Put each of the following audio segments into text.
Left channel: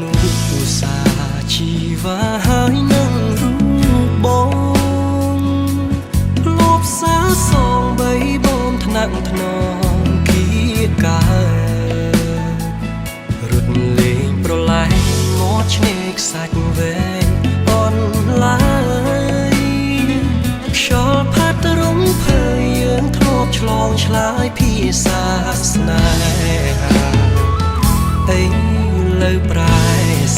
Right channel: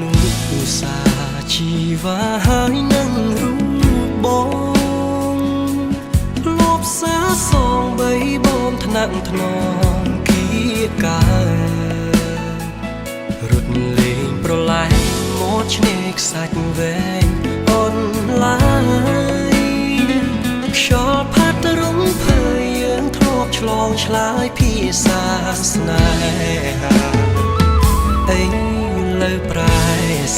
នុសាជីវ៉ាហើយនឹងរូបបងធ្លាប់សាសងបីបងថ្នាក់ថ្នមគៀការត់លេងប្រឡែងមកឆ្នេរខ្សាច់វែងអនឡាយខ្យល់ផាត់រំភើយយើងធ្លាប់ឆ្លងឆ្លើយភាសាស្នេហាអីលើប្រែ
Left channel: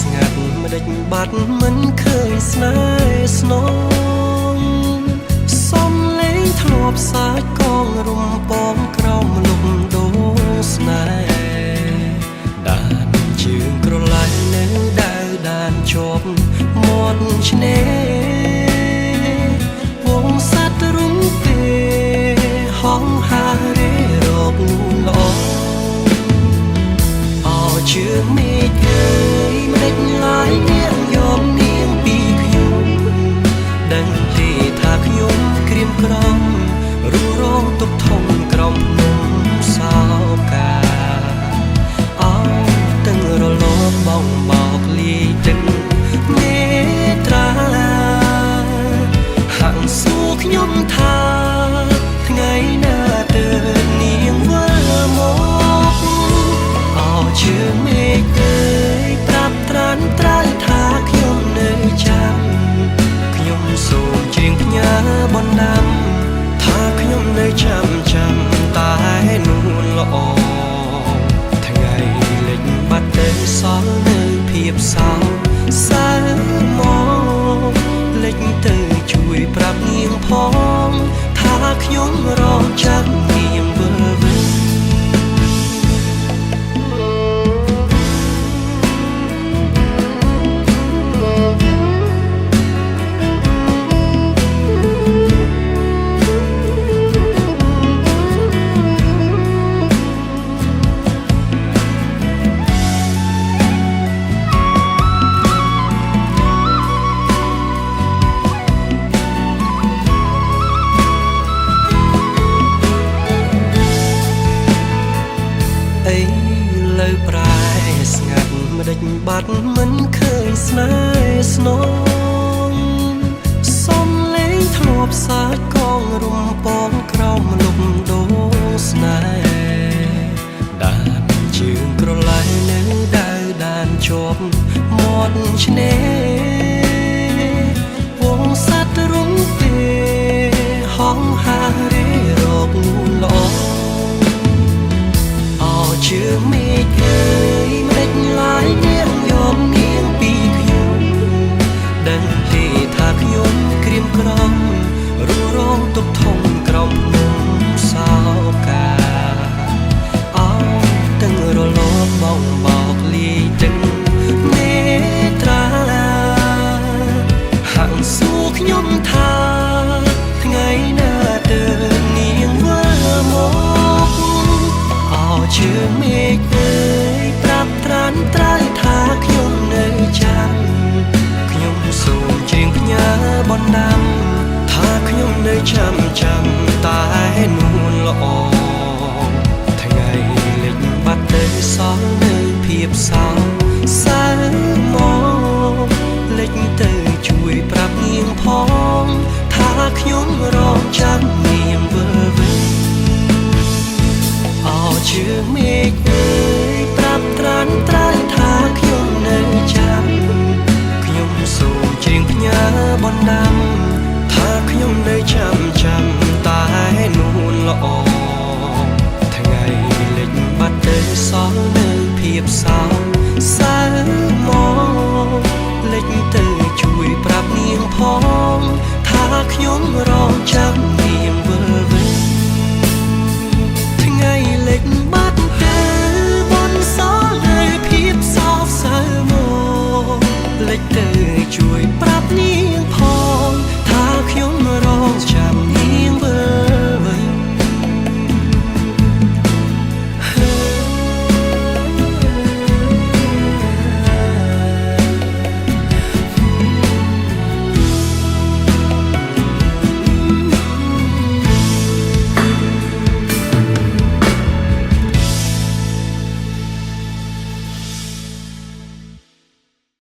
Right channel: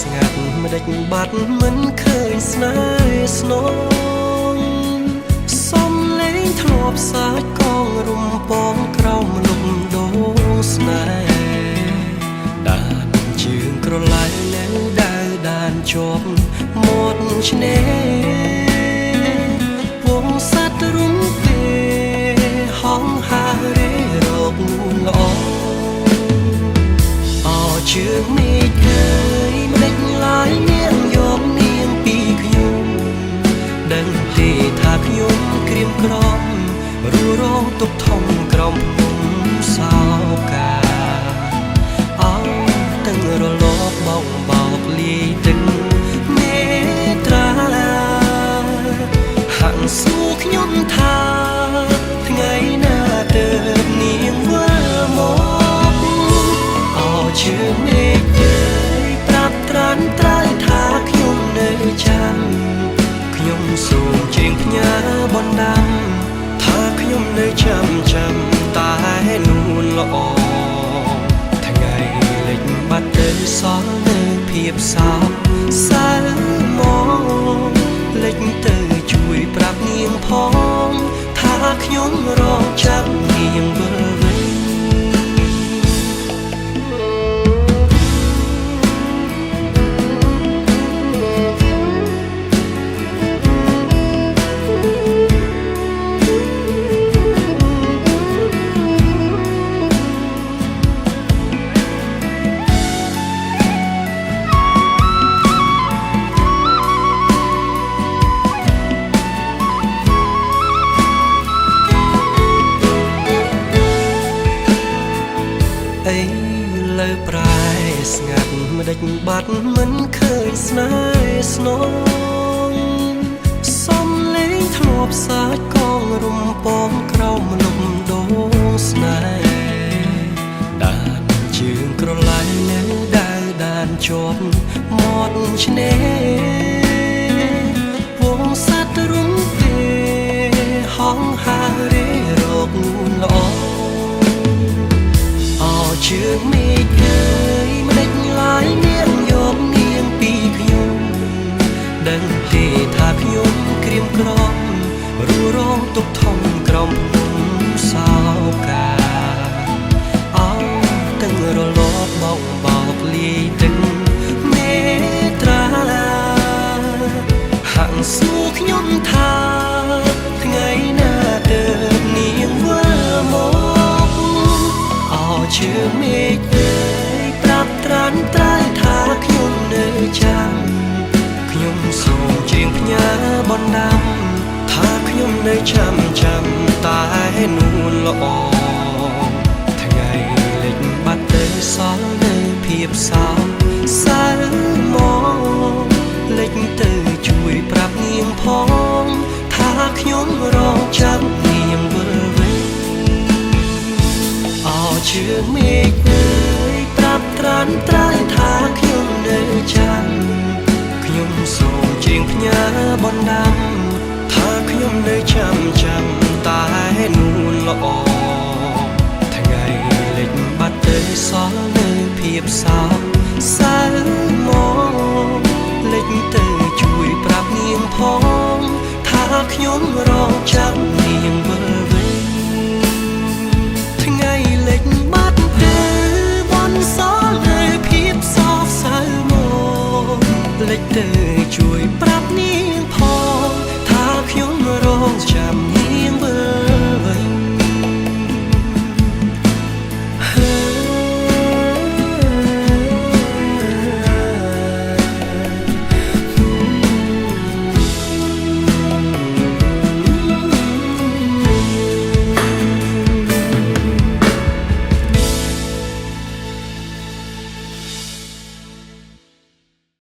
ស្ងាត់មិនដេចបាត់មិនឃើញស្នេហ៍ស្នងសំលេងធ្លាប់សាច់កងរំពងក្រោមលំដូងស្នេហ៍ដានជើងក្រឡៃនៅដើរដានជាប់មាត់ឆ្នេរវងសត្វរំពេហងហារេរកនួនល្អជើងមេឃអើយមិនដេចឡាយនាងយកនាងពីខ្ញុំដឹងទេថាខ្ញុំក្រៀមក្រំរួរងទុកធំក្រំភ្នំសោកាអោទាំងរលកបងបោកលាយទឹកមេត្រាហាក់សួរខ្ញុំថាថ្ងៃណាទើបនាងវិលមកជើងមេឃអើយប្រាប់ត្រានត្រើយថាខ្ញុំនៅចាំខ្ញុំសូមជៀងផ្ញើបណ្ដាំថាខ្ញុំនៅចាំតែនួនល្អថ្ងៃលិចបាត់ទៅសល់នៅភាពសោកសៅមកលិចទៅជួយប្រាប់នាងផងថាខ្ញុំរងចាំនាងវិលវិញអីលើប្រែស្ងាត់មិនដេចបាត់មិនឃើញស្នេហ៍ស្នងសំលេងធ្លាប់សាច់កងរំពងក្រោមលំដូងស្នេហ៍ដានជើងក្រឡៃនៅដើរដានជាប់មាត់ឆ្នេរវងសត្វរំពេហងហារេរកនួនល្អជើងមេឃអើយមិនដេចឡាយនាងយកនាងពីខ្ញុំដឹងទេថាខ្ញុំក្រៀមក្រំរួរងទុកធំក្រំភ្នំសោកាអោទាំងរលកបងបោកលាយទឹកមេត្រាហាក់សួរខ្ញុំថាថ្ងៃណាទើបនាងវិលមកជើងមេឃអើយប្រាប់ត្រានត្រើយថាខ្ញុំនៅចាំខ្ញុំសូមជៀងផ្ញើបណ្ដាំថាខ្ញុំនៅចាំតែនួនល្អថ្ងៃលិចបាត់ទៅសល់នៅភាពសោកសៅមកលិចទៅជួយប្រាប់នាងផងថាខ្ញុំរងចាំនាងវិលវិញជើងមេឃអើយប្រាប់ត្រានត្រើយថាខ្ញុំនៅចាំខ្ញុំសូមជៀងផ្ញើបណ្ដាំថាខ្ញុំនៅចាំតែនួនល្អថ្ងៃលិចបាត់ទៅសល់នៅភាពសោកសៅមកលិចទៅជួយប្រាប់នាងផងថាខ្ញុំរងចាំនាងវិលវិញថ្ងៃលិចបាត់ទៅបនសល់នៅភាពសោកសៅមកលិចទៅជួយប្រាប់នាងផងថាខ្ញុំរងចាំ